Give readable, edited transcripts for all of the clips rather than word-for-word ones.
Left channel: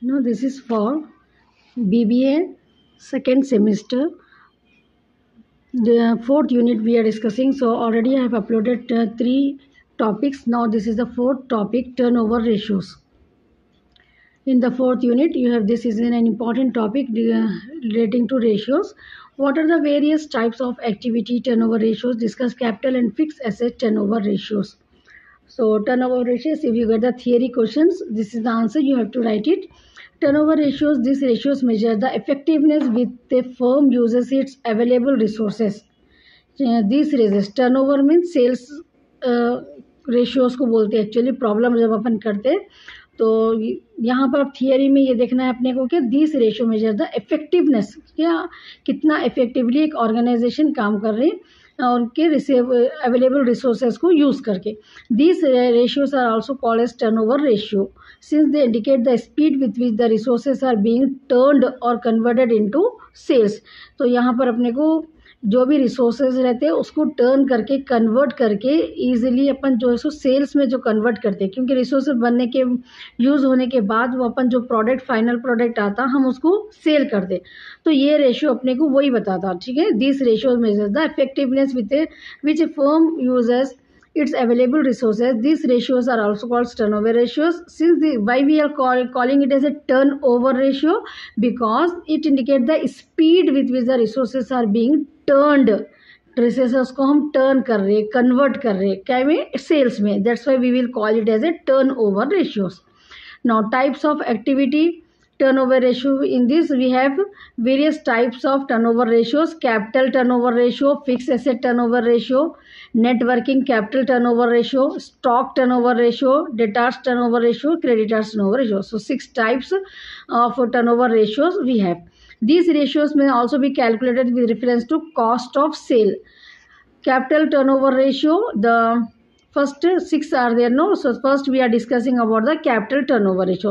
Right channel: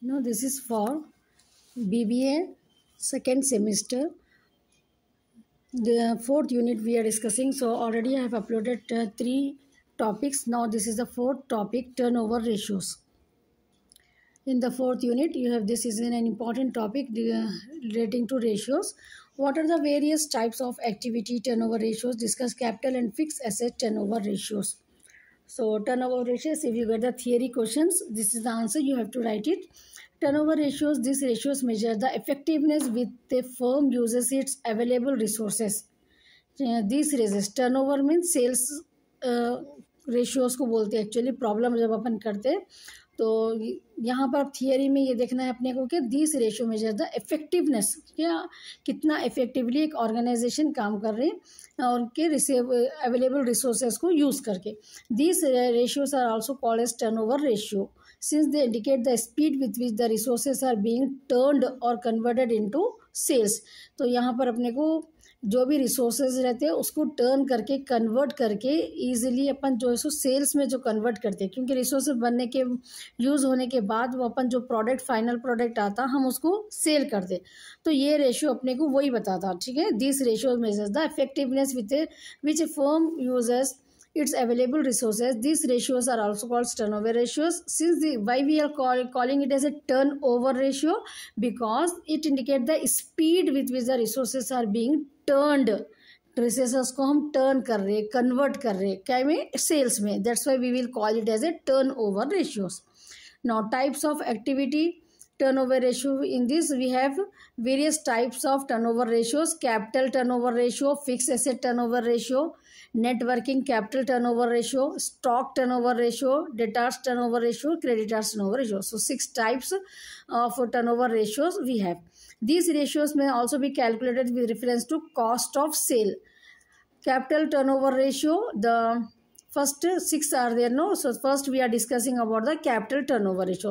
Now this is for BBA second semester. The fourth unit we are discussing. So already I have uploaded 3 topics. Now this is the fourth topic, turnover ratios. In the fourth unit, you have this is an important topic relating to ratios. What are the various types of activity turnover ratios? Discuss capital and fixed asset turnover ratios. So turnover ratios, if you get the theory questions, this is the answer, you have to write it. Turnover ratios, these ratios measure the effectiveness with the firm uses its available resources. These ratios, turnover means sales ratios को बोलते हैं actually, problem जब अपन करते हैं तो यहाँ पर theory में ये देखना है अपने को कि this ratio measure the effectiveness, क्या कितना इफेक्टिवली एक ऑर्गेनाइजेशन काम कर रही है और उनके अवेलेबल रिसोर्सेज को यूज़ करके. This ratios are also called as turnover ratio since they indicate the speed with which the resources are being turned or converted into sales. तो यहाँ पर अपने को जो भी रिसोर्सेज रहते हैं उसको टर्न करके कन्वर्ट करके ईजिली अपन जो है सो सेल्स में जो कन्वर्ट करते हैं, क्योंकि रिसोर्सेज बनने के यूज़ होने के बाद वो अपन जो प्रोडक्ट फाइनल प्रोडक्ट आता हम उसको सेल करते. तो ये रेशियो अपने को वही बताता. ठीक है, this ratio measures the effectiveness which A firm uses its available resources. These ratios are also called turnover ratios. Why we are calling it as a turnover ratio? Because it indicates the speed with which the resources are being turned. Resources को हम turn कर रहे, convert कर रहे, क्या में, sales में. That's why we will call it as a turnover ratios. Now types of activity turnover ratio. In this we have various types of turnover ratios: capital turnover ratio, fixed asset turnover ratio, net working capital turnover ratio, stock turnover ratio, debtors turnover ratio, creditors turnover ratio. So 6 types of turnover ratios we have. These ratios may also be calculated with reference to cost of sale. Capital turnover ratio, the first 6 are there, no? So first we are discussing about the capital turnover ratio.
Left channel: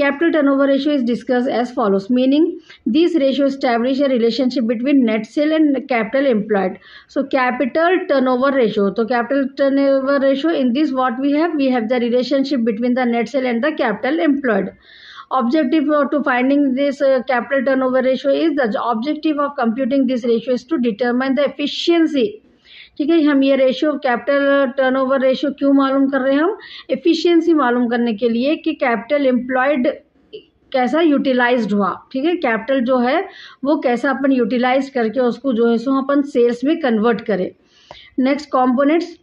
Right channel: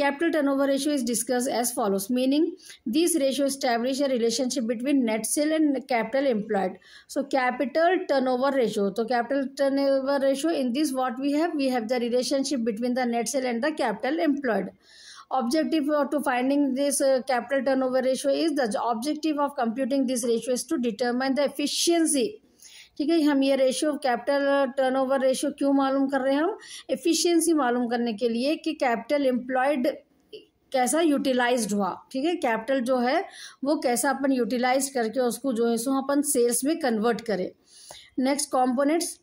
Capital turnover ratio is discussed as follows, meaning these ratios establish a relationship between net sale and capital employed. So capital turnover ratio, so capital turnover ratio, in this what we have the relationship between the net sale and the capital employed. Objective to finding this capital turnover ratio is, the objective of computing this ratio is to determine the efficiency. ठीक है, हम ये ratio capital turnover ratio क्यों मालूम कर रहे हैं? हम एफिशिएंसी मालूम करने के लिए कि कैपिटल एम्प्लॉयड कैसा यूटिलाइज्ड हुआ. ठीक है, कैपिटल जो है वो कैसा अपन यूटिलाइज करके उसको जो है सो अपन सेल्स में कन्वर्ट करें. Next components,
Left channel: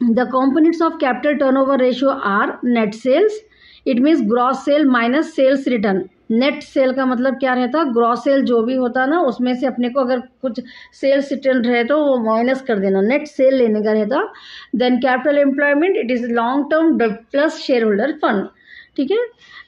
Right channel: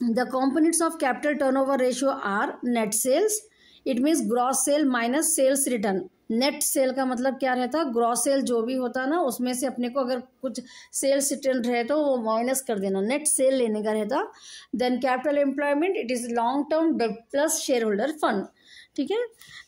the components of capital turnover ratio are net sales, it means gross sale minus sales return. Net sale का मतलब क्या रहता है? ग्रॉस सेल जो भी होता है ना उसमें से अपने को अगर कुछ सेल्स रिटर्न रहे तो वो माइनस कर देना, नेट सेल लेने का रहता. Then capital employment, it is long term plus shareholder fund. ठीक है,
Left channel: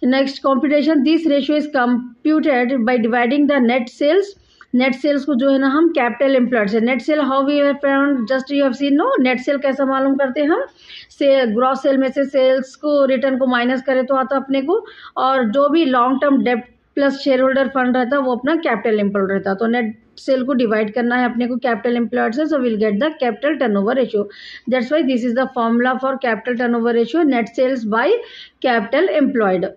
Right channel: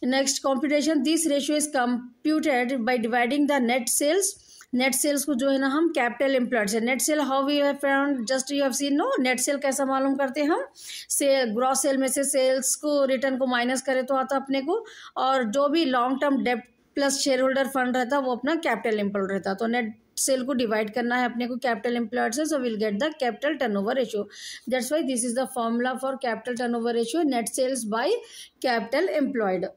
next computation, this ratio is computed by dividing the net sales. Net sales को जो है ना हम कैपिटल एम्प्लॉयड से, net sale how we have found, just you have seen, no? Net sale कैसा मालूम करते हैं हम? से ग्रॉस सेल में से सेल्स को रिटर्न को माइनस करें तो आता अपने को, और जो भी लॉन्ग टर्म डेब्ट प्लस शेयर होल्डर फंड रहता है वो अपना कैपिटल एम्प्लॉयड रहता. तो नेट सेल को डिवाइड करना है अपने को कैपिटल एम्प्लॉयड से, so will get the capital turnover ratio. That's why this is the formula for capital turnover ratio, net sales by capital employed.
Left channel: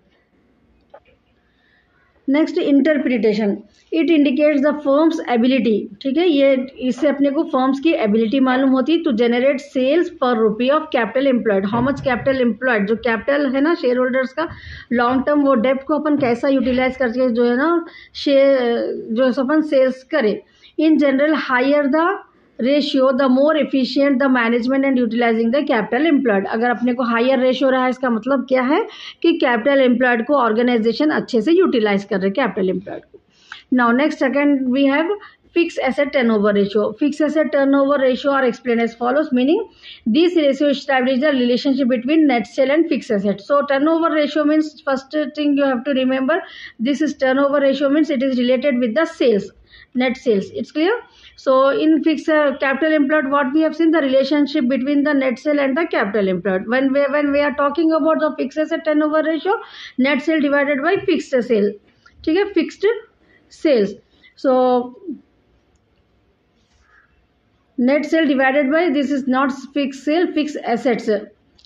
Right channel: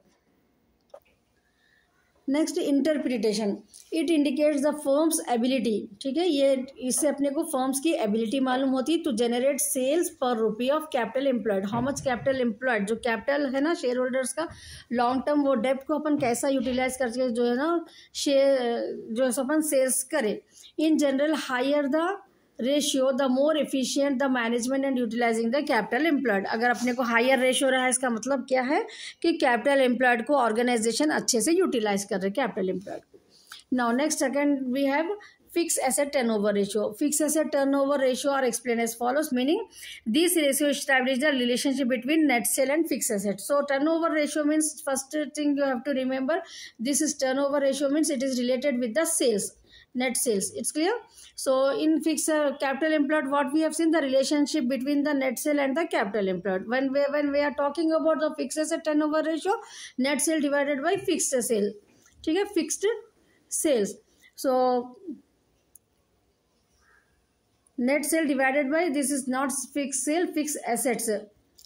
Next interpretation, it indicates the firms ability. ठीक है, ये इससे अपने को firms की ability मालूम होती to generate sales per rupee of capital employed. How much capital employed, जो कैपिटल है ना शेयर होल्डर्स का लॉन्ग टर्म, वो डेप्ट को अपन कैसा यूटिलाइज करके जो है ना शेयर जो अपन सेल्स करें. In general higher the ratio the more efficient the management and utilising the capital employed. अगर अपने को हायर रेशियो रहा इसका मतलब क्या है कि कैपिटल एम्प्लॉयड को ऑर्गेनाइजेशन अच्छे से यूटिलाइज कर रहे कैपिटल एम्प्लॉयड को. Now next second we have fixed asset turnover ratio. Fixed asset turnover ratio are explained as follows, meaning this ratio establish the relationship between net sale and fixed asset. So turnover ratio means, first thing you have to remember, this is turnover ratio means it is related with the sales, net sales. It's clear? So in fixed capital employed, what we have seen, the relationship between the net sale and the capital employed. When we are talking about the fixed asset turnover ratio, net sale divided by fixed sale. ठीक है, fixed sales. So net sale divided by, this is not fixed sale, fixed assets.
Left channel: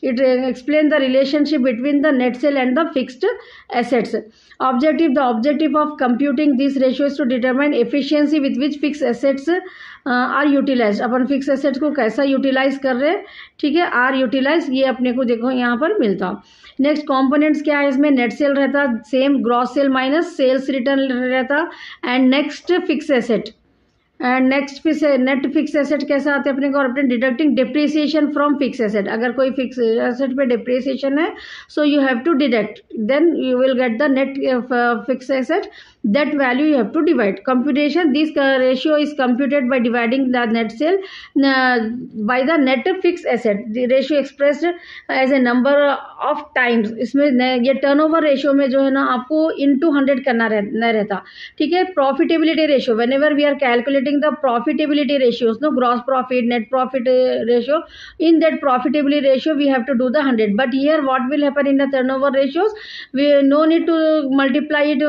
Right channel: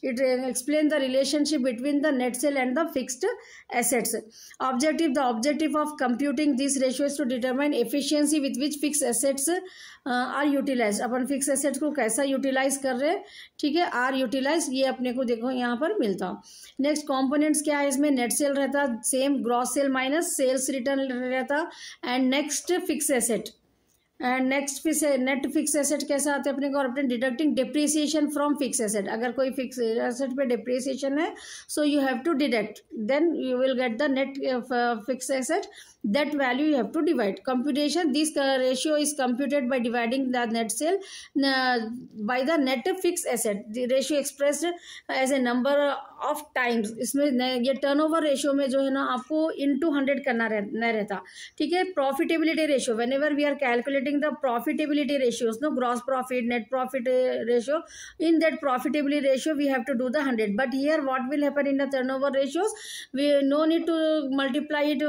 It explains the relationship between the net sale and the fixed assets. Objective, the objective of computing this ratio is to determine efficiency with which fixed assets are utilise. अपन fix assets को कैसा utilise कर रहे हैं, ठीक है, are utilise, ये अपने को देखो यहाँ पर मिलता. नेक्स्ट कंपोनेंट्स क्या है इसमें, नेट सेल रहता, same gross sale minus sales return रहता, and next fix asset. And next net fix asset कैसा आता है अपने को, अपने deducting depreciation from fix asset. अगर कोई फिक्स एसेट पे डिप्रिसिएशन है, so you have to deduct, then you will get the net fix asset. That value you have to divide. Computation, this ratio is computed by dividing the net sale by the net fixed asset. The ratio expressed as a number of times. इसमें ये turnover ratio में जो है ना आपको into 100 करना रहता, ठीक है. Profitability ratio, whenever we are calculating the profitability ratios, no, gross profit, net profit ratio, in that profitability ratio we have to do the 100. But here what will happen in the turnover ratios, we no need to multiply it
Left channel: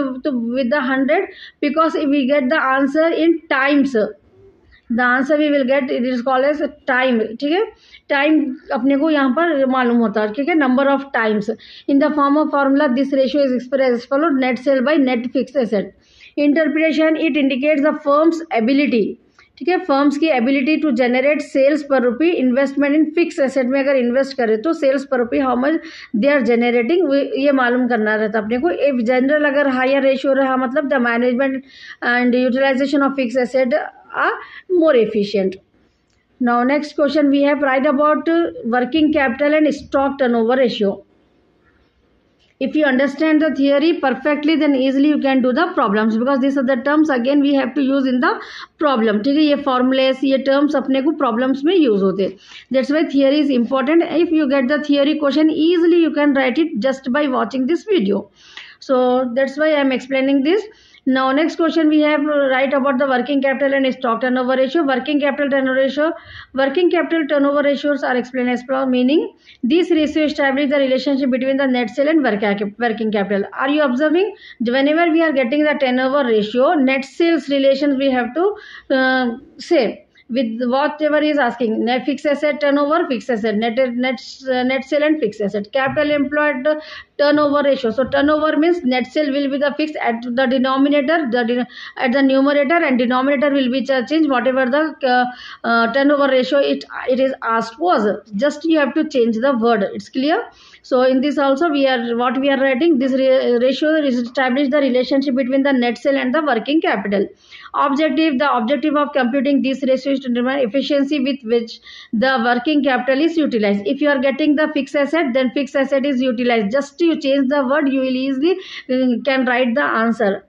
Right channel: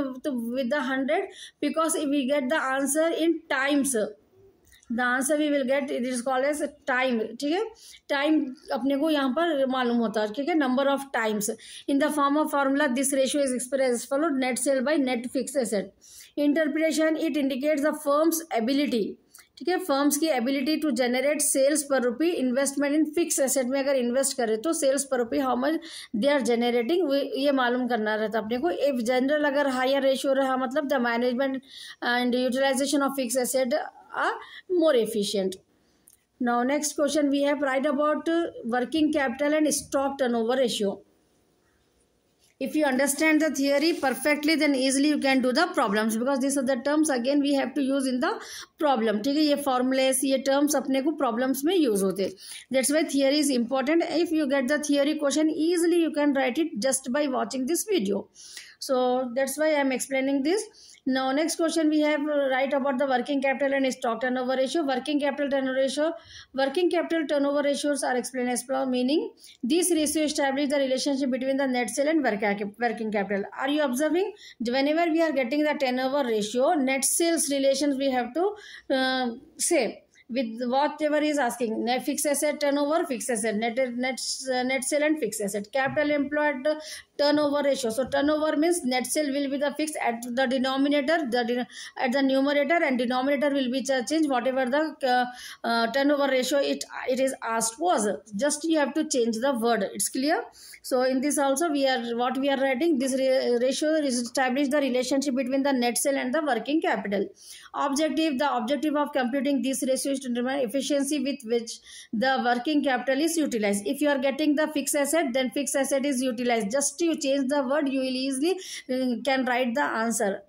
with the 100, because if we get the answer in times, the answer we will get, it is called as time, ठीक है. Time अपने को यहाँ पर मालूम होता है, ठीक है, number of times. In the form of formula this ratio is expressed as follow, net sale by net fix asset. Interpretation, it indicates the firms ability, ठीक है, फर्म्स की ability to generate sales per rupee. Investment in fix asset में अगर invest करें तो sales per rupee how much they are generating, ये मालूम करना रहता अपने को. इफ जनरल अगर हायर रेशियो रहा, मतलब the management and utilisation of fix asset are more efficient. Now next question we have, right about working capital and stock turnover ratio. If you understand the theory perfectly, then easily you can do the problems, because these are the terms again we have to use in the problem, ठीक है. ये formulas, ये terms अपने को problems में use होते हैं. That's why theory is important. If you get the theory question easily, you can write it just by watching this video. So that's why I am explaining this. Now next question we have, write about the working capital and stock turnover ratio. Working capital turnover ratios are explained as follows, meaning this ratio establish the relationship between the net sale and working capital. Are you observing, whenever we are getting the turnover ratio, net sales relations we have to say with whatever is asking, net fixed asset turnover, fixed asset, net sale and fixed asset. Capital employed turnover ratio, so turnover means net sale will be the fixed at the denominator, at the numerator, and denominator will be changed whatever the turnover ratio it is asked was. Just you have to change the word, it's clear. So in this also we are writing, this ratio is establish the relationship between the net sale and the working capital. Objective, the objective of computing this ratio is to determine efficiency with which the working capital is utilized. If you are getting the fixed asset, then fixed asset is utilized. Just you change the word, you will easily can write the answer.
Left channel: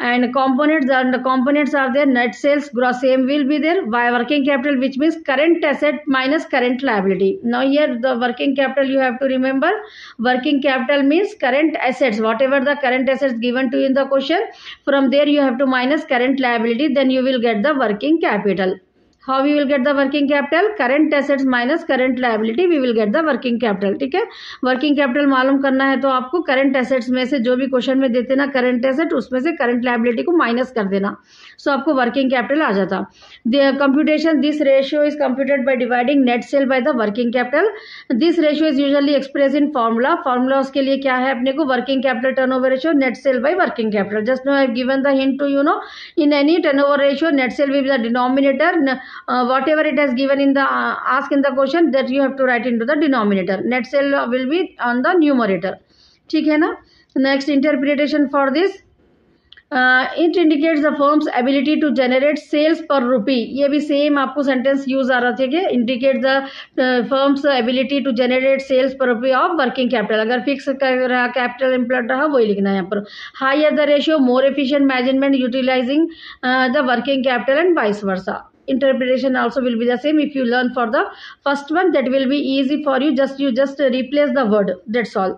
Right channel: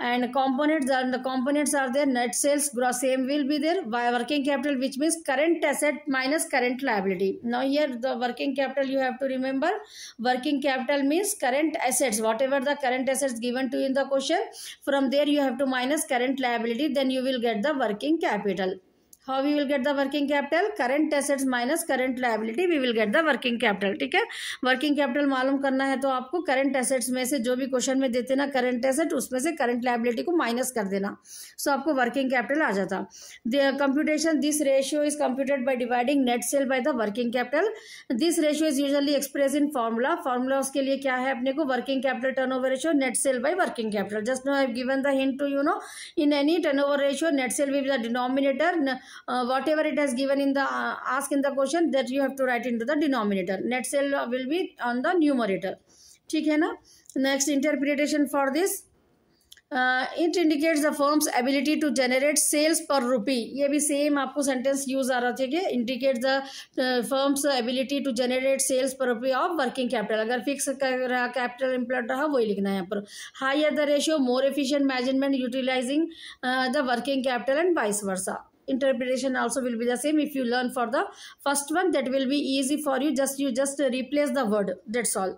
And components are there, net sales, gross, same will be there. By working capital, which means current asset minus current liability. Now here the working capital, you have to remember, working capital means current assets, whatever the current assets given to you in the question, from there you have to minus current liability, then you will get the working capital. How we will get the working capital? Current assets minus current liability, we will get the working capital, ठीक है. Working capital मालूम करना है तो आपको current assets में से जो भी क्वेश्चन में देते ना करंट एसेट, उसमें से करंट लायबिलिटी को माइनस कर देना, सो आपको वर्किंग कैपिटल आ जाता. The computation, this ratio is computed by dividing net sale by the working capital. This ratio is usually express in formula उसके लिए क्या है अपने को, working capital turnover ratio, net sale by working capital. Just know I have given the hint to you know, in any turnover ratio net sale will be the denominator. Whatever it has given in the ask in the question, that you have to write into the denominator. Net sale will be on the numerator, ठीक है ना. Next interpretation for this, it indicates the firm's ability to generate sales per rupee. ये भी same आपको sentence use आ रहा था कि indicate the firms ability to generate sales per rupee of working capital. अगर फिक्स रहा कैपिटल एम्प्लॉयड रहा वही लिखना है यहाँ पर. Higher the ratio, more efficient management utilising the working capital and vice versa. Interpretation also will be the same. If you learn for the first one, that will be easy for you. You just replace the word, that's all.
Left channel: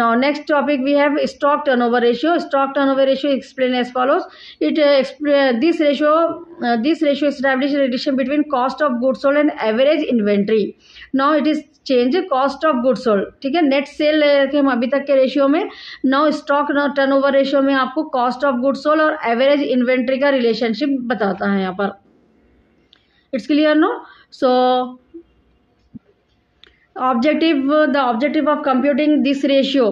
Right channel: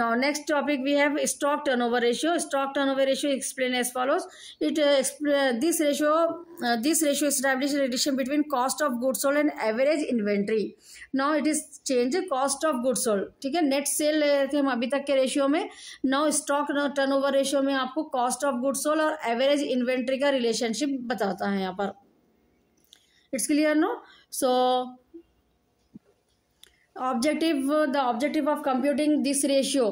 Now next topic we have stock turnover ratio. Stock turnover ratio explained as follows. This ratio establishes a relation between cost of goods sold and average inventory. Now it is change cost of goods sold, ठीक है. Net cell थे हम अभी तक के ratio में. Now stock turnover ratio में आपको कॉस्ट ऑफ गुड्स सोल्ड और एवरेज इन्वेंट्री का रिलेशनशिप बताता है यहाँ पर. It's clear, no? So the objective of computing this ratio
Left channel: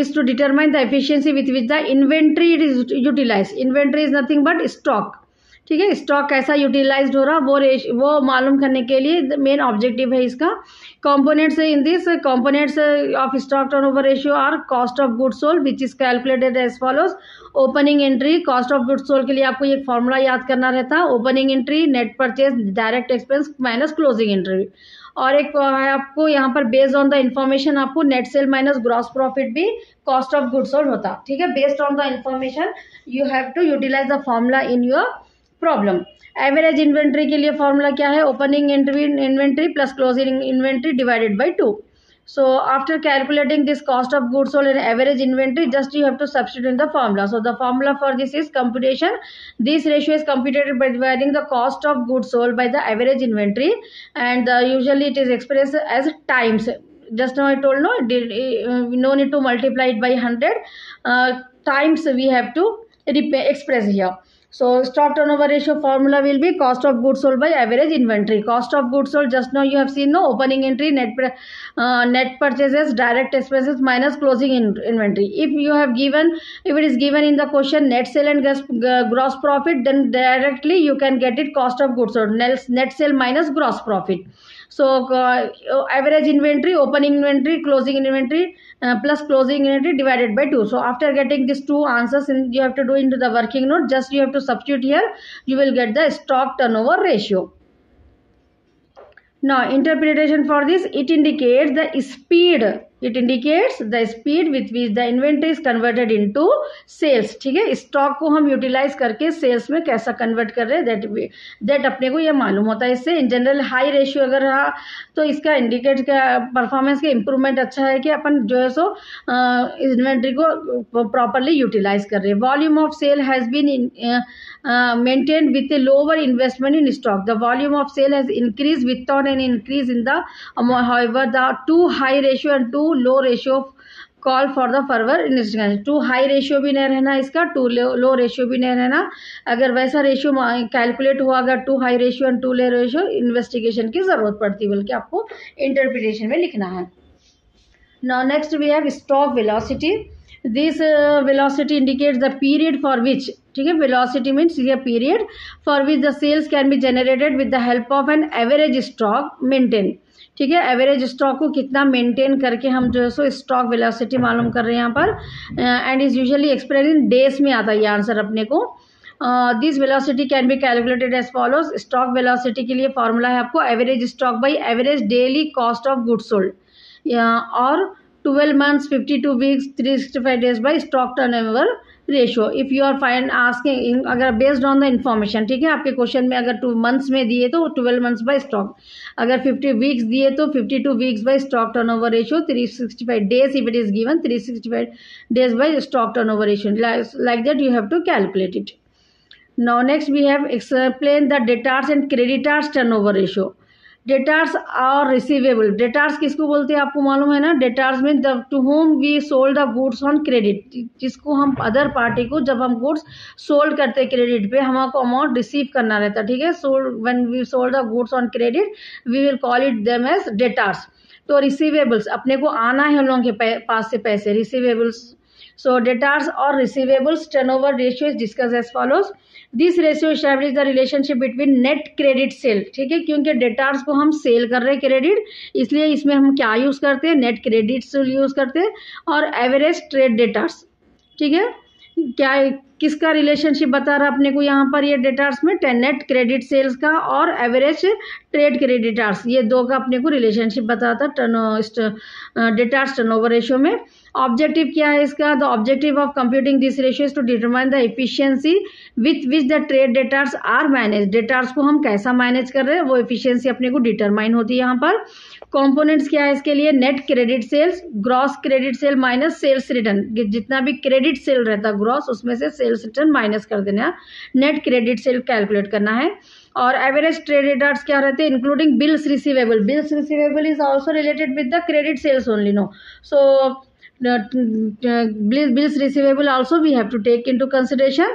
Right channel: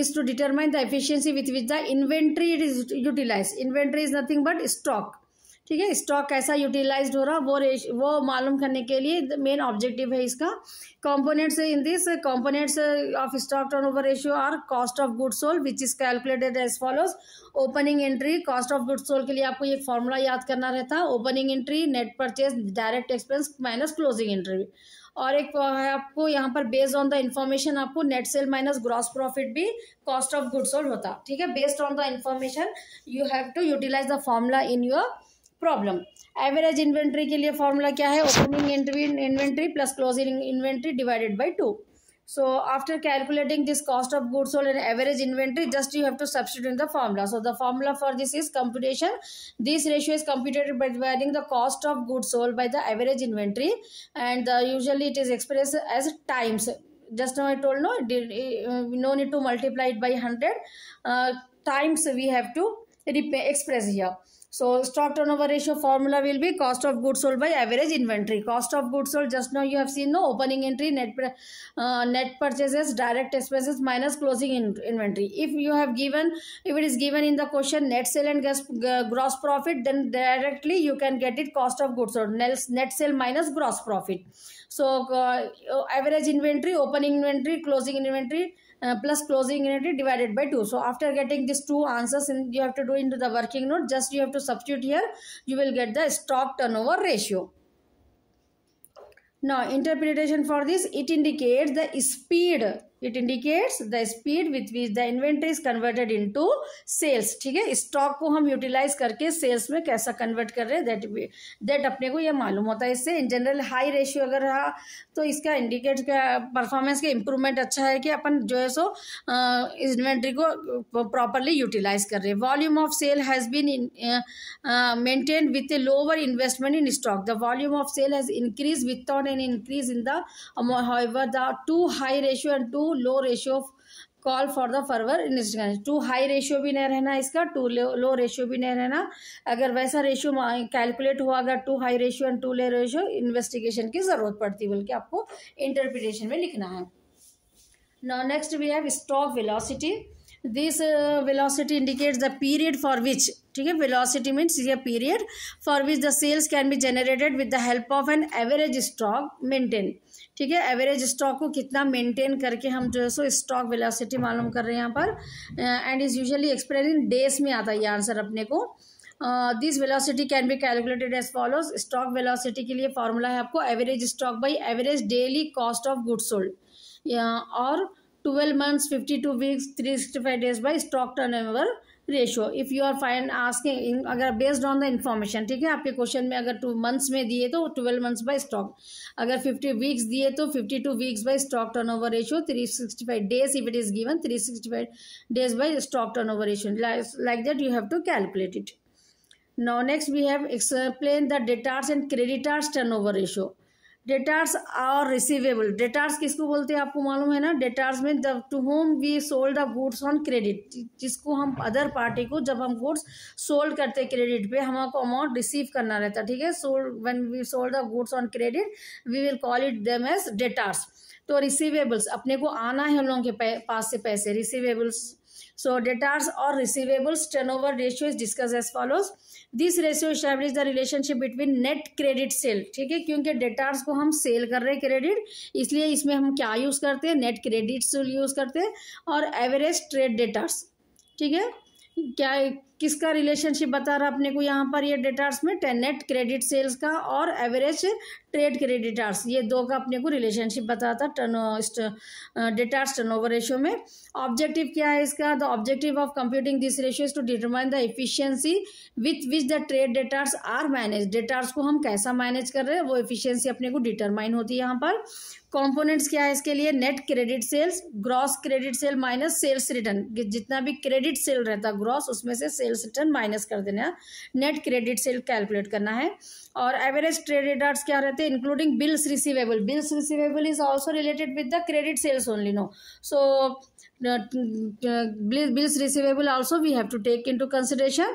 is to determine the efficiency with which the inventory is utilized. Inventory is nothing but stock. ठीक है, stock कैसा utilised हो रहा वो मालूम करने के लिए मेन ऑब्जेक्टिव है इसका. Components in this components of stock turnover ratio are cost of goods sold which is calculated as follows. Opening entry, cost of goods sold के लिए आपको एक फॉर्मूला याद करना रहता है. Opening entry net purchase direct expense minus closing entry. और एक है आपको यहाँ पर बेस्ड ऑन द इंफॉर्मेशन आपको net sale minus gross profit भी कॉस्ट ऑफ गुड्स सोल्ड होता. ठीक है, based on the information you have to utilise the formula in your problem. Average inventory के लिए फॉर्मूला क्या है? Opening inventory plus closing inventory divided by 2. So after calculating this cost of goods sold and average inventory, just you have to substitute in the formula. So the formula for this is computation. This ratio is computed by dividing the cost of goods sold by the average inventory, and usually it is expressed as times. Just now I told no need to multiply it by 100 times. We have to express here. So stock turnover ratio formula will be cost of goods sold by average inventory. Cost of goods sold, just now you have seen no, opening entry net purchases direct expenses minus closing inventory. If it is given in the question net sale and gross profit, then directly you can get it cost of goods sold, net sale minus gross profit. So average inventory, opening inventory, closing inventory plus closing inventory divided by 2. So after getting these two answers, you have to do into the working note. Just you have to substitute here. You will get the stock turnover ratio. Now interpretation for this, it indicates the speed. It indicates the speed with which the inventory is converted into sales. ठीक है, stock को हम utilise करके sales में कैसा convert कर रहे हैं, दैट अपने को ये मालूम होता है. इससे इन जनरल हाई रेशियो अगर रहा तो इसका इंडिकेट का परफॉर्मेंस का इम्प्रूवमेंट अच्छा है कि अपन जो है सो इन्वेंट्री को प्रॉपरली यूटिलाइज कर रहे हैं. Volume of sale has been maintained with a lower investment in stock. The volume of sale has increased without an increase in the however the too high ratio and too low ratio call for the further investigation. Too high ratio भी नहीं रहना इसका, to low ratio भी नहीं रहना. अगर वैसा ratio calculate हुआ अगर too high ratio and too low ratio, investigation की ज़रूरत पड़ती है, बल्कि आपको इंटरप्रिटेशन में लिखना है. Now next we have stock velocity. This velocity indicates the period for which, ठीक है, velocity means ये period for which the sales can be generated with the help of an average stock maintain. ठीक है, average stock को कितना maintain करके हम जो है सो स्टॉक वेलोसिटी मालूम कर रहे हैं यहाँ पर. And is usually express in days में आता है ये आंसर अपने को. This velocity can be calculated as follows. Stock velocity के लिए फॉर्मूला है आपको average stock by average daily cost of goods sold, और 12 months, 52 weeks, 365 days by stock turnover ratio. If you are asking अगर based on the information, ठीक है, आपके question में अगर 2 months में दिए तो 12 months by stock, अगर 50 weeks दिए तो 52 weeks by stock turnover ratio, 365 days if it is given, 365 days by stock turnover ratio. Like that you have to calculate it. Now next we have explain the debtors and creditors turnover ratio. Debtors और receivable. Debtors किसको बोलते हैं आपको मालूम है ना? Debtors में to whom we sold the goods on credit, जिसको हम अदर पार्टी को जब हम गुड्स सोल्ड करते हैं क्रेडिट पे हमको अमाउंट रिसीव करना रहता है. ठीक है, sold when we sold the goods on credit we will call it them as debtors. तो रिसीवेबल्स अपने को आना है उन लोगों के पास से पैसे, receivables. So debtors or receivables turnover ratio is discussed as follows. This ratio establishes the relationship between net credit sale. ठीक है, क्योंकि debtors को हम सेल कर रहे हैं क्रेडिट, इसलिए इसमें हम क्या यूज़ करते हैं? नेट क्रेडिट सेल यूज़ करते हैं. और एवरेज ट्रेड डेटार्स, ठीक है, क्या किसका रिलेशनशिप बता रहा अपने को यहाँ पर ये डेटार्स में? नेट क्रेडिट सेल्स का और एवरेज ट्रेड क्रेडिटार्स, ये दो का अपने को रिलेशनशिप बताता डेटार्स टर्नओवर रेशियो में. ऑब्जेक्टिव क्या है इसका? The objective of computing this ratio is to determine the efficiency with which the trade debtors are manage. Debtors को हम कैसा मैनेज कर रहे हैं वो एफिशिएंसी अपने को डिटरमाइन होती है यहाँ पर. कंपोनेंट्स क्या है इसके लिए? Net credit sales, gross credit sale minus sales return. जितना भी क्रेडिट सेल रहता है ग्रॉस, उसमें से सेल्स रिटर्न माइनस कर देना है. नेट क्रेडिट सेल कैलकुलेट करना है. और एवरेज ट्रेड डेटार्स क्या रहते हैं? Including bills receivable. Bills receivable is also related with the credit sales only, no. So bills receivable also we have to take into consideration.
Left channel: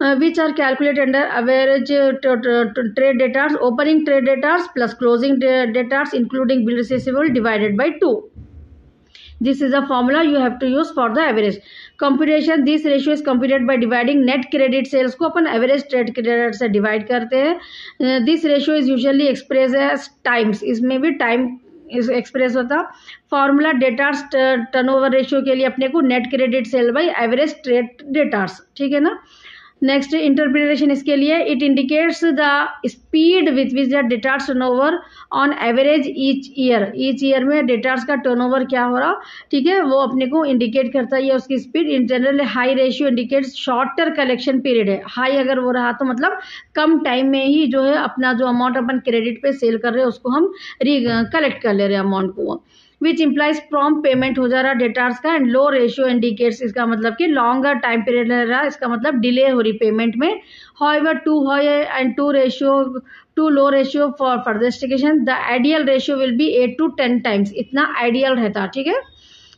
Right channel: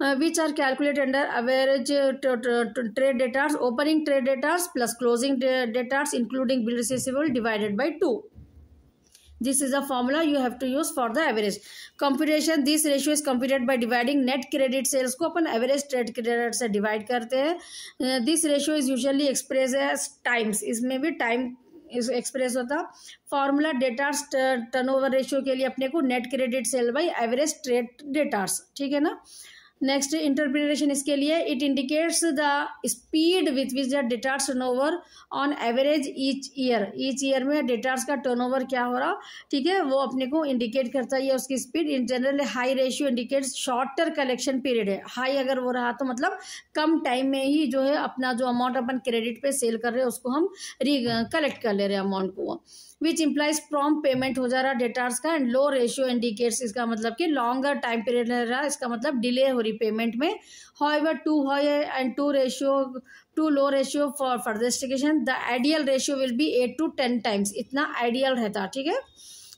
which are calculated under average trade debtors, opening trade debtors plus closing debtors including bill receivable divided by 2. This is a formula you have to use for the average computation. This ratio is computed by dividing net credit sales को अपन average trade credit से divide करते हैं. This ratio is usually expressed as times. इसमें भी time express होता. Formula debtors turnover ratio के लिए अपने को net credit sale by average trade debtors. ठीक है ना. नेक्स्ट इंटरप्रिटेशन इसके लिए, it indicates the speed with which the debtors turnover on average each year. Each year में डेटार्स का टर्नओवर क्या हो रहा, ठीक है, वो अपने को इंडिकेट करता है उसकी speed. In general high ratio indicates shorter collection period है. हाई अगर वो रहा तो मतलब कम टाइम में ही जो है अपना जो अमाउंट अपन क्रेडिट पे सेल कर रहे हैं उसको हम कलेक्ट कर ले रहे हैं अमाउंट को, विच इम्प्लाइज प्रॉम्प्ट पेमेंट हो जा रहा है डेटार्स का. एंड लो रेशियो इंडिकेट्स, इसका मतलब कि लॉन्गर टाइम पीरियड रह रहा है, इसका मतलब डिले हो रही पेमेंट में. However too high and too low ratio for further investigation. The ideal ratio will be 8 to 10 times. इतना आइडियल रहता. ठीक है,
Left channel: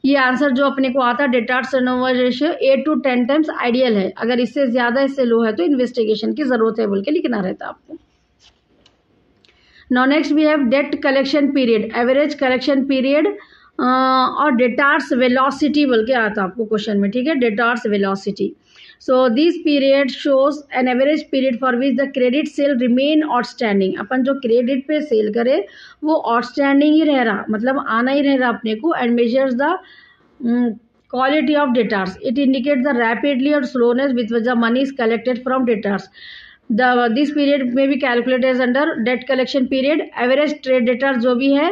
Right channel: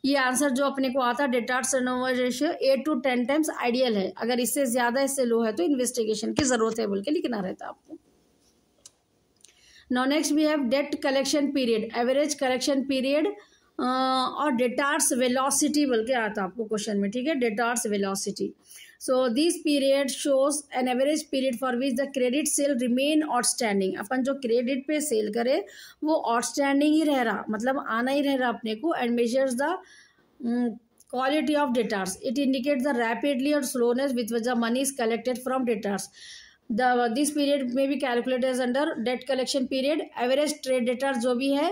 ये आंसर जो अपने को आता है debtors turnover ratio 8 to 10 times ideal है. अगर इससे ज़्यादा इससे लो है तो इन्वेस्टिगेशन की ज़रूरत है बोल के लिखना रहता आपको. Now next we have debt collection period, average collection period और डेटार्स वेलोसिटी बोल के आता आपको क्वेश्चन में. ठीक है, debtors velocity. So this period shows an average period for which the credit sale remain outstanding. अपन जो क्रेडिट पे सेल करे वो आउटस्टैंडिंग ही रह रहा, मतलब आना ही रह रहा अपने को. And measures the quality of debtors. It indicates the rapidly or slowness with which the money is collected from debtors. This period may be calculated as under debt collection period. Average trade debtors जो भी है,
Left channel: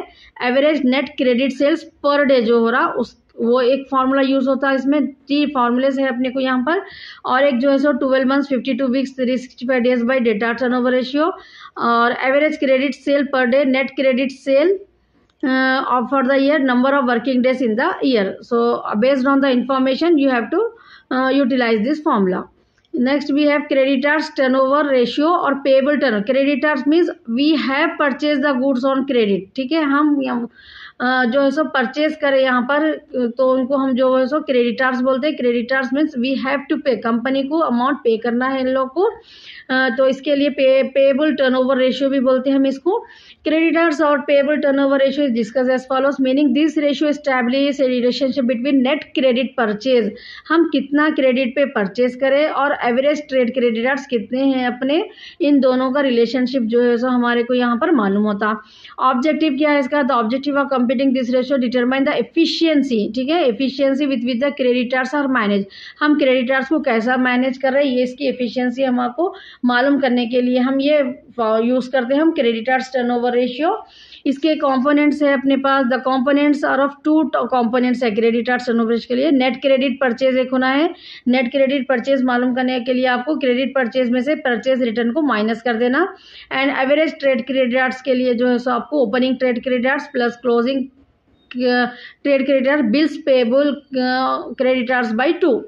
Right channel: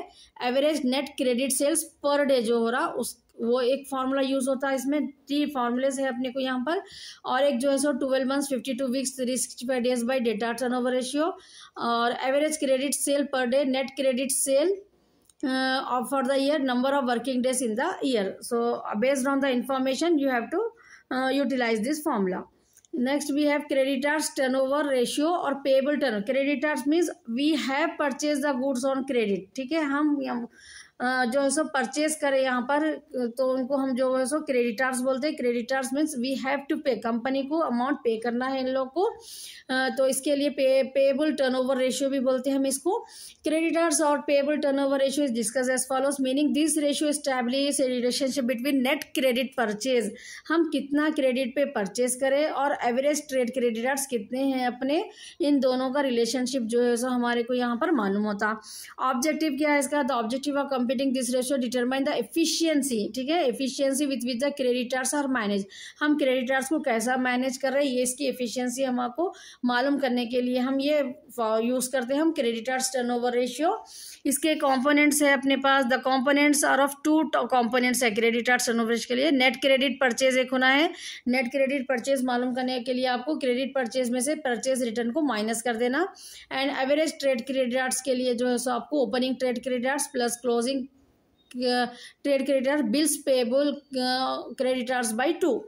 average net credit sales per day जो हो रहा उस वो एक formula use होता है. इसमें 3 फार्मूलेस है अपने को यहाँ पर. और एक जो है सो 12 months 52 weeks 365 days बाई डेटा टर्नओवर रेशियो. और average credit sale per day, net credit sale for the year, number of working days in the year. So based on the information you have to utilize this formula. Next we have creditors turnover ratio और payable turnover. Creditors means we have purchased the goods on credit. ठीक है, हम जो है सो purchase करें यहाँ पर तो उनको हम जो है सो क्रेडिटर्स बोलते हैं. Creditors means we have to pay, company को अमाउंट पे करना है इन लोग को. तो इसके लिए पेएबल टर्नओवर रेशियो भी बोलते हैं हम इसको. क्रेडिटर्स और payable turnover ratio is discuss as follows. Meaning this ratio establish a relationship between net credit purchase, हम कितना क्रेडिट पे परचेज करें, और एवरेज ट्रेड क्रेडिटर्स कितने हैं अपने, इन दोनों का रिलेशनशिप जो है सो हमारे को यहाँ पर मालूम होता. ऑब्जेक्टिव क्या है इसका, the objective of computing this ratio determine the efficiency. ठीक है, efficiency with the creditors are manage. हम क्रेडिटर्स को कैसा मैनेज कर रहे हैं, ये इसकी एफिशिएंसी हमको मालूम करने के लिए हम ये यूज़ करते हैं हम क्रेडिटर्स टर्नओवर रेशियो. इसके कंपोनेंट्स है अपने पास. The components are of 2 components है क्रेडिटर्स टर्नओवर रेशियो के लिए. नेट क्रेडिट परचेज एक होना है. नेट क्रेडिट परचेज मालूम करने के लिए आपको क्रेडिट परचेज में से परचेज रिटर्न को माइनस कर देना. एंड एवरेज ट्रेड क्रेडिटर्स के लिए जो है सो आपको opening trade creditors plus closing trade creditor, bills payable creditors by 2.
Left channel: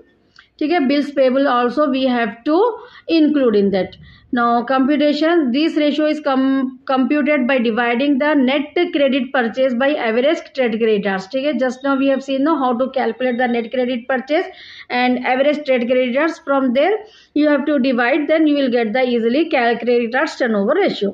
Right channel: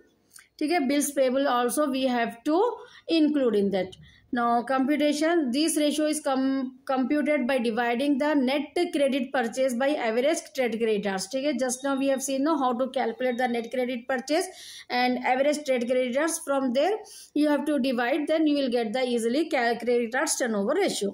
ठीक है, bills payable also we have to include in that. Now computation, this ratio is computed by dividing the net credit purchase by average trade creditors. ठीक है, just now we have seen how to calculate the net credit purchase and average trade creditors. From there you have to divide, then you will get the easily creditors turnover ratio.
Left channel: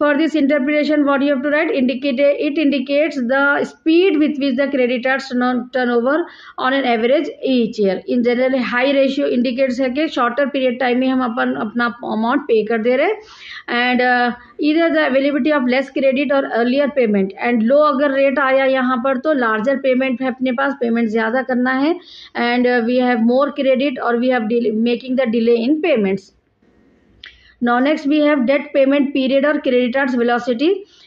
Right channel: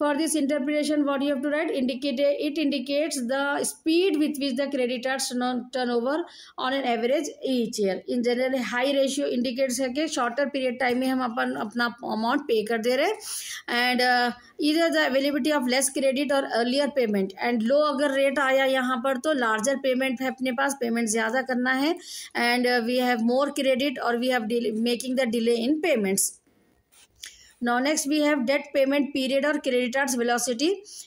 For this interpretation what you have to write, it indicates the speed with which the creditors turnover on an average each year. In general high ratio indicates है कि shorter period time में हम अपना amount pay कर दे रहे हैं. And either the availability of less credit or earlier payment. And low अगर rate आया यहाँ पर तो larger payment है अपने पास, payment ज़्यादा करना है. And we have more credit or we have making the delay in payments. Now next we have debt payment period or creditors velocity.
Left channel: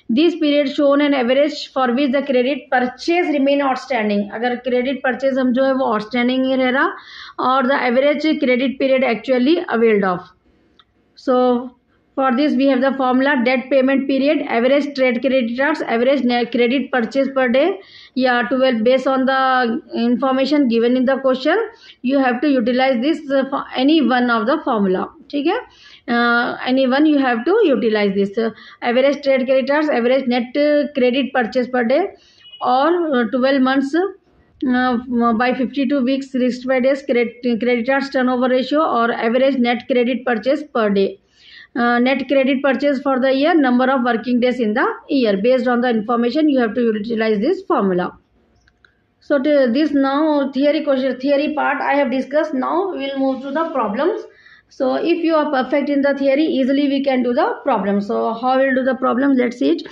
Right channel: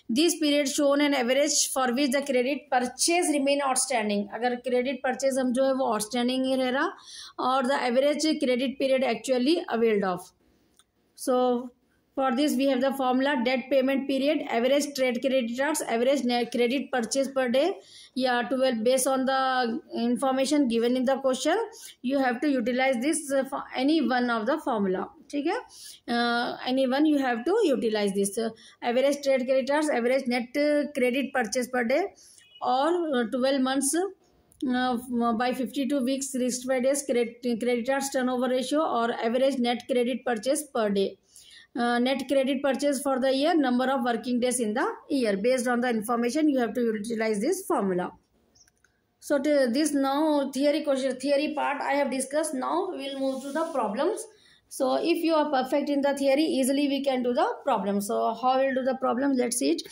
This period shown an average for which the credit purchase remain outstanding. अगर credit purchase हम जो है वो outstanding ही रह रहा, और the average credit period actually availed of. So for this we have the formula debt payment period, average trade creditors, average credit purchase per day. Yeah, 12 based on the information given in the question you have to utilize this for any one of the formula. ठीक है, any one you have to utilize this. Average trade creditors, average net credit purchase per day, और 12 months by 52 weeks risk by days creditors turnover ratio or average net credit purchase per day. Net credit purchase for the year, number of working days in the year. Based on the information, you have to utilize this formula. So this now theory part I have discussed. Now we will move to the problems. So if you are perfect in the theory, easily we can do the problem. So how we will do the problem? Let's see it.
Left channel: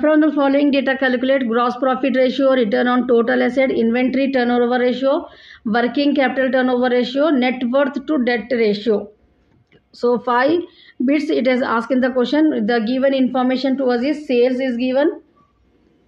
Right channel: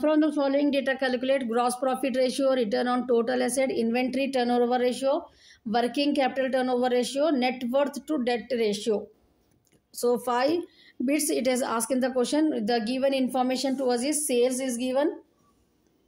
From the following data, calculate gross profit ratio, return on total asset, inventory turnover ratio, working capital turnover ratio, net worth to debt ratio. So 5 bits it has asked in the question. The given information to us is sales is given,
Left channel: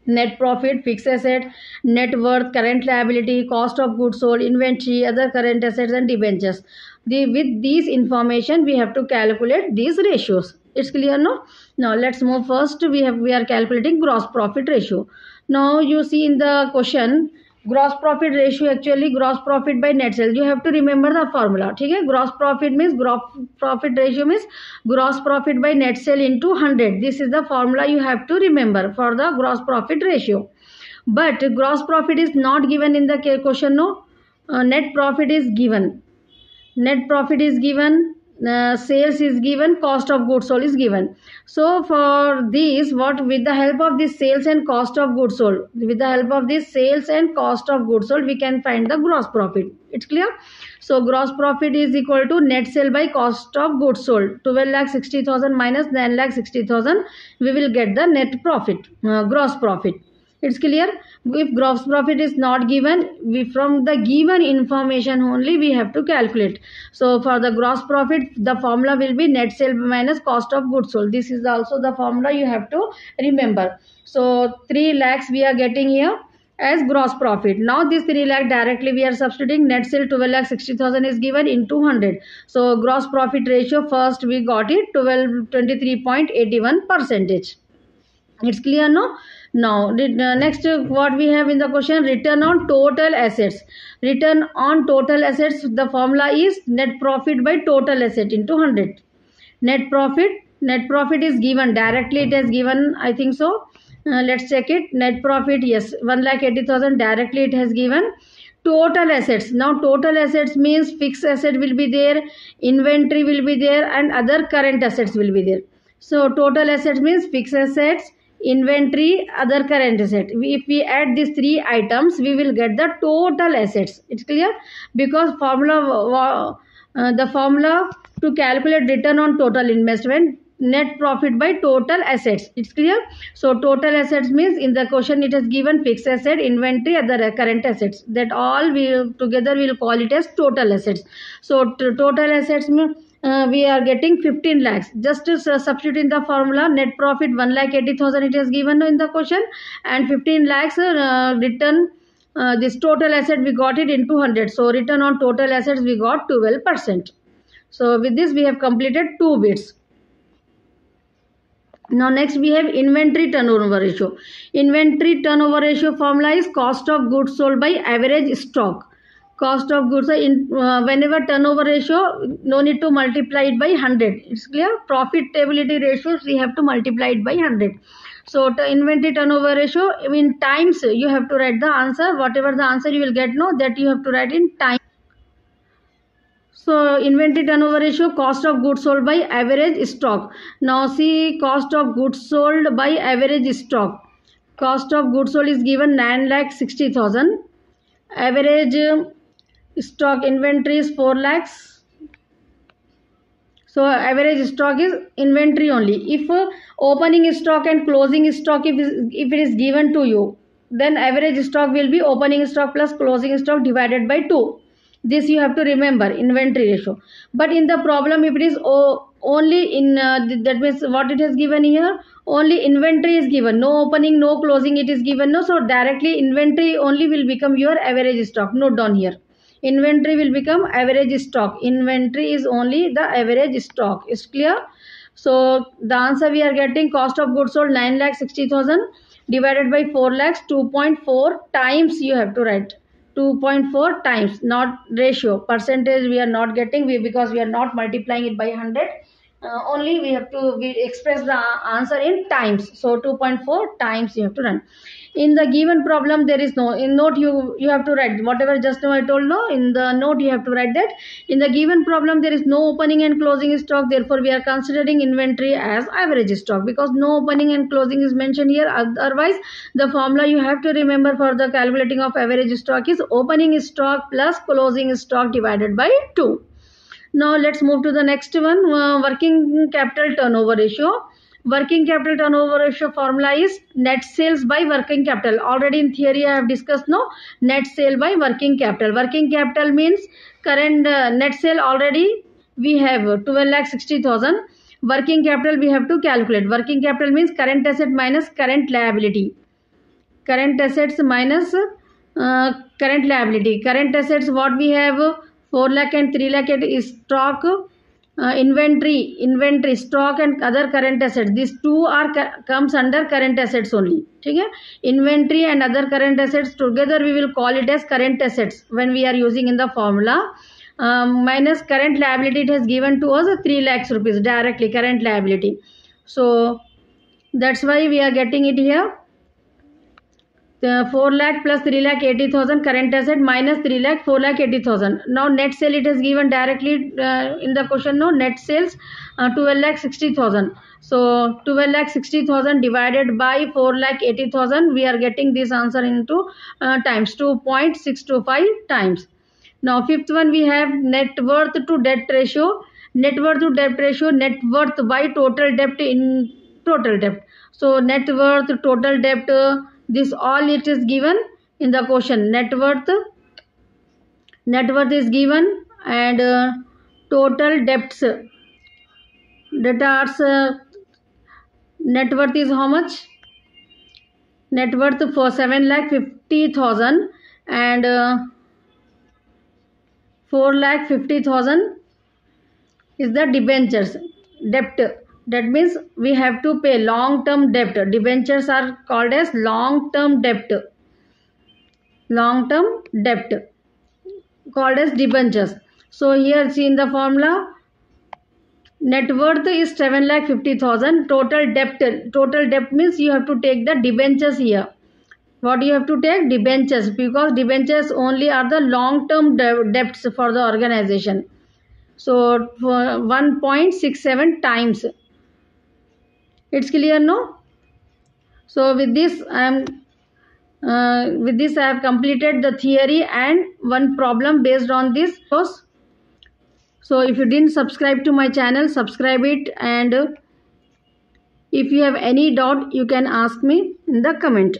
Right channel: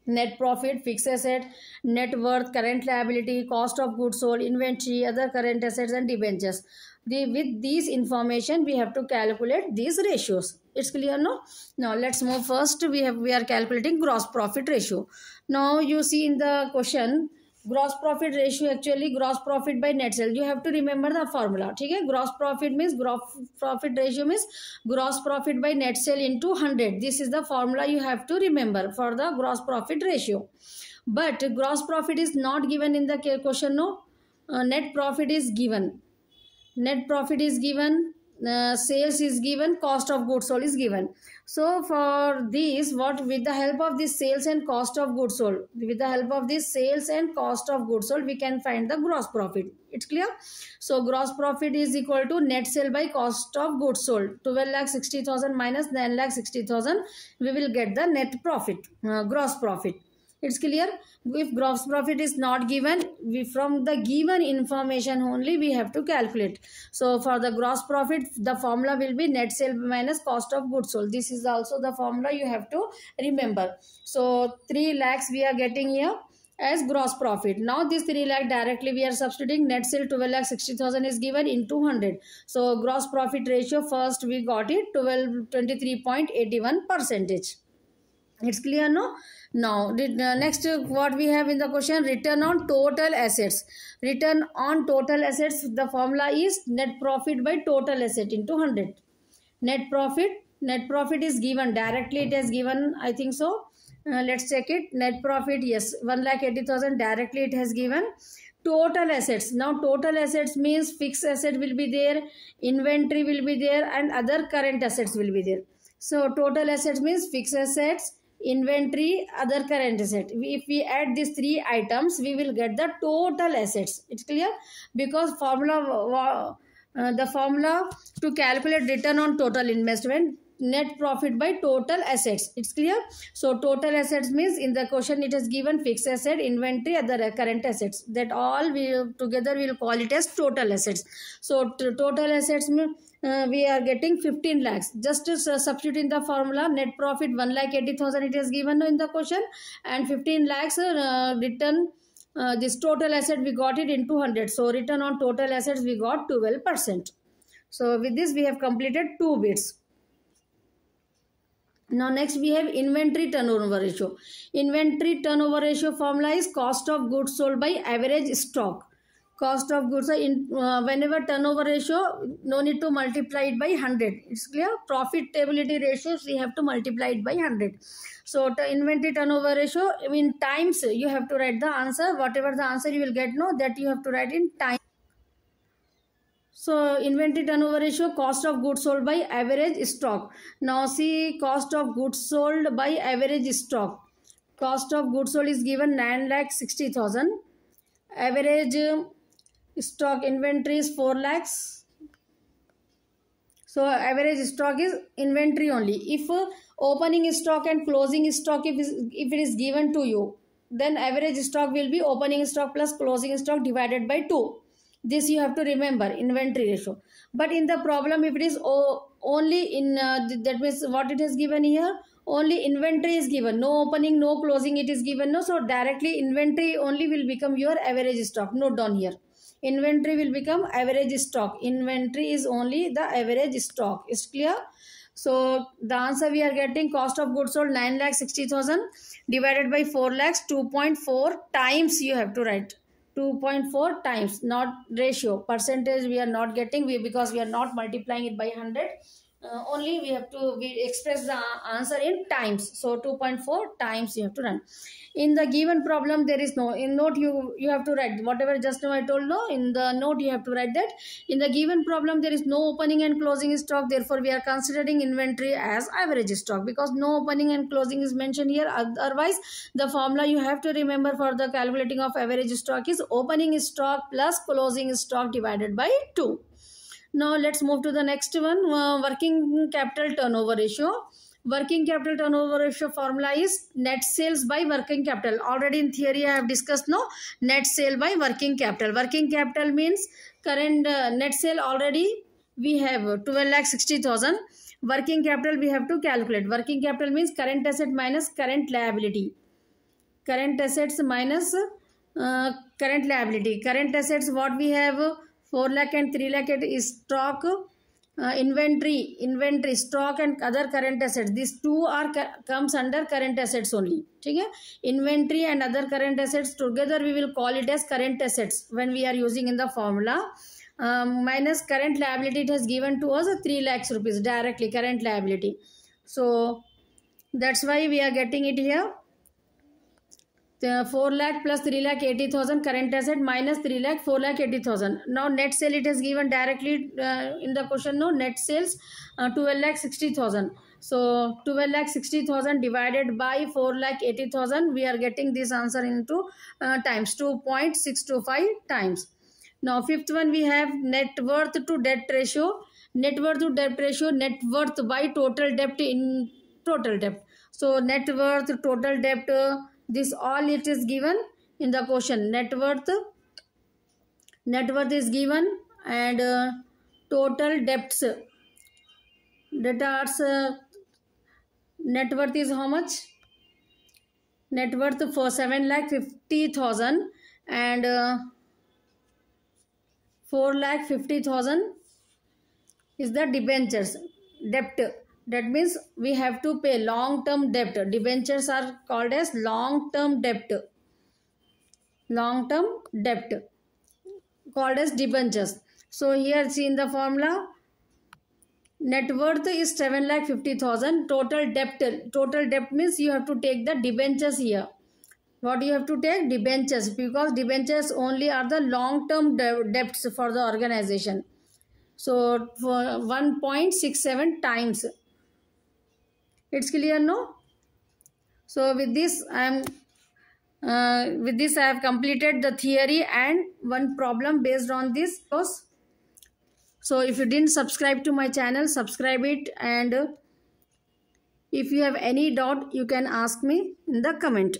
net profit, fixed asset, net worth, current liability, cost of goods sold, inventory, other current assets and debentures. With these information we have to calculate these ratios. It's clear, no? Now let's move. First we are calculating gross profit ratio. Now you see in the question, gross profit ratio, actually gross profit by net sales. You have to remember the formula. Okay? Gross profit means gross profit ratio means gross profit by net sale into 100. This is the formula you have to remember for the gross profit ratio. But gross profit is not given in the question, no? Net profit is given. Net profit is given, sales is given, cost of goods sold is given. So for this, with the help of this sales and cost of goods sold, we can find the gross profit. It's clear? So gross profit is equal to net sale by cost of goods sold. 12,60,000 minus 9,60,000. We will get the net profit, gross profit. It's clear? If gross profit is not given, from the given information only we have to calculate. So for the gross profit, the formula will be net sale minus cost of goods sold. This is also the formula you have to remember. So 3 lakhs we are getting here as gross profit. Now this 3 lakh directly we are substituting. Net sale 12,60,000 is given in 200. So gross profit ratio, first we got it 23.81%. It's clear, no? Now next what we have in the question, return on total assets. Return on total assets, the formula is net profit by total asset into 100. Net profit is given directly, it has given, I think so. Let's check it. Net profit, yes, 1,80,000 directly it has given. Total assets, now total assets means fixed asset will be there, inventory will be there and other current assets will be there. So total assets means fixed assets, inventory, other current asset. If we add these 3 items, we will get the total assets. It's clear? Because the formula to calculate return on total investment, net profit by total assets. It's clear? So total assets means in the question it is given fixed asset, inventory, other current assets. That all together we will call it as total assets. So total assets means we are getting 15 lakhs. Just to substitute in the formula, net profit 1,80,000 it is given in the question, and 15 lakhs return, this total asset we got it in 200. So return on total assets we got 12%. So with this we have completed 2 bits. Now next we have inventory turnover ratio. Inventory turnover ratio formula is cost of goods sold by average stock. Cost of goods, whenever turnover ratio, no need to multiply it by 100. It's clear? Profitability ratios, we have to multiply it by 100. So inventory turnover ratio, in times, you have to write the answer. Whatever the answer you will get, no, that you have to write in time. So inventory turnover ratio, cost of goods sold by average stock. Now see cost of goods sold by average stock. Cost of goods sold is given 9,60,000. Average stock inventory is 4 lakhs. So average stock is inventory only. If opening stock and closing stock, if it is given to you, then average stock will be opening stock plus closing stock divided by 2. This you have to remember, inventory ratio. But in the problem, if it is only in, that means what it has given here, only inventory is given, no opening, no closing it is given, no. So directly inventory only will become your average stock. Note down here. Inventory will become average stock. Inventory is only the average stock. Is clear? So the answer we are getting, cost of goods sold 9,60,000 divided by 4 lakhs, 2.4 times you have to write. 2.4 times, not ratio. Percentage we are not getting because we are not multiplying it by 100. only we express the answer in times. So 2.4 times you have to run. In the given problem, there is no, in note you have to write whatever just now I told. No, in the note you have to write that in the given problem there is no opening and closing stock, therefore we are considering inventory as average stock, because no opening and closing is mentioned here. Otherwise the formula you have to remember for the calculating of average stock is opening stock plus closing stock divided by 2. Now let's move to the next one, working capital turnover ratio. Working capital turnover ratio formula is net sales by working capital. Already in theory I have discussed, no, net sale by working capital. Working capital means current net sale already we have 12,60,000. Working capital we have to calculate. Working capital means current asset minus current liability. Current assets minus current liability. Current assets what we have 4 lakh and 3 lakh is stock, inventory, stock and other current assets. These two are comes under current assets only. Okay? Inventory and other current assets together we will call it as current assets when we are using in the formula. Minus current liability, it has given to us 3 lakhs rupees directly, current liability. So that's why we are getting it here. 4 lakh plus 3 lakh 80,000 current asset minus 3 lakh 4 lakh 80,000. Now net sale it is given directly in the question. No, net sales 12 lakh 60,000. So 12 lakh 60,000 divided by 4 lakh 80,000. We are getting this answer into times 2.625 times. Now fifth one we have net worth to debt ratio. Net worth to debt ratio, net worth by total debt in total debt. So net worth, total debt, this all it is given in the question. Net worth is given, and total debts, debtors, net worth is how much? Net worth for 7,50,000 and 4,50,000 is the debentures debt. That means we have to pay long-term debt. Debentures are called as long-term debt. Long-term debt called as debentures. So here see in the formula, net worth is 7,50,000. Total debt means you have to take the debentures here. What you have to take? Debentures, because debentures only are the long-term debts for the organization. So for 1.67 times. It's clear, no? So with this I have completed the theory and one problem based on this course. So if you didn't subscribe to my channel, subscribe it, and if you have any doubt you can ask me in the comment.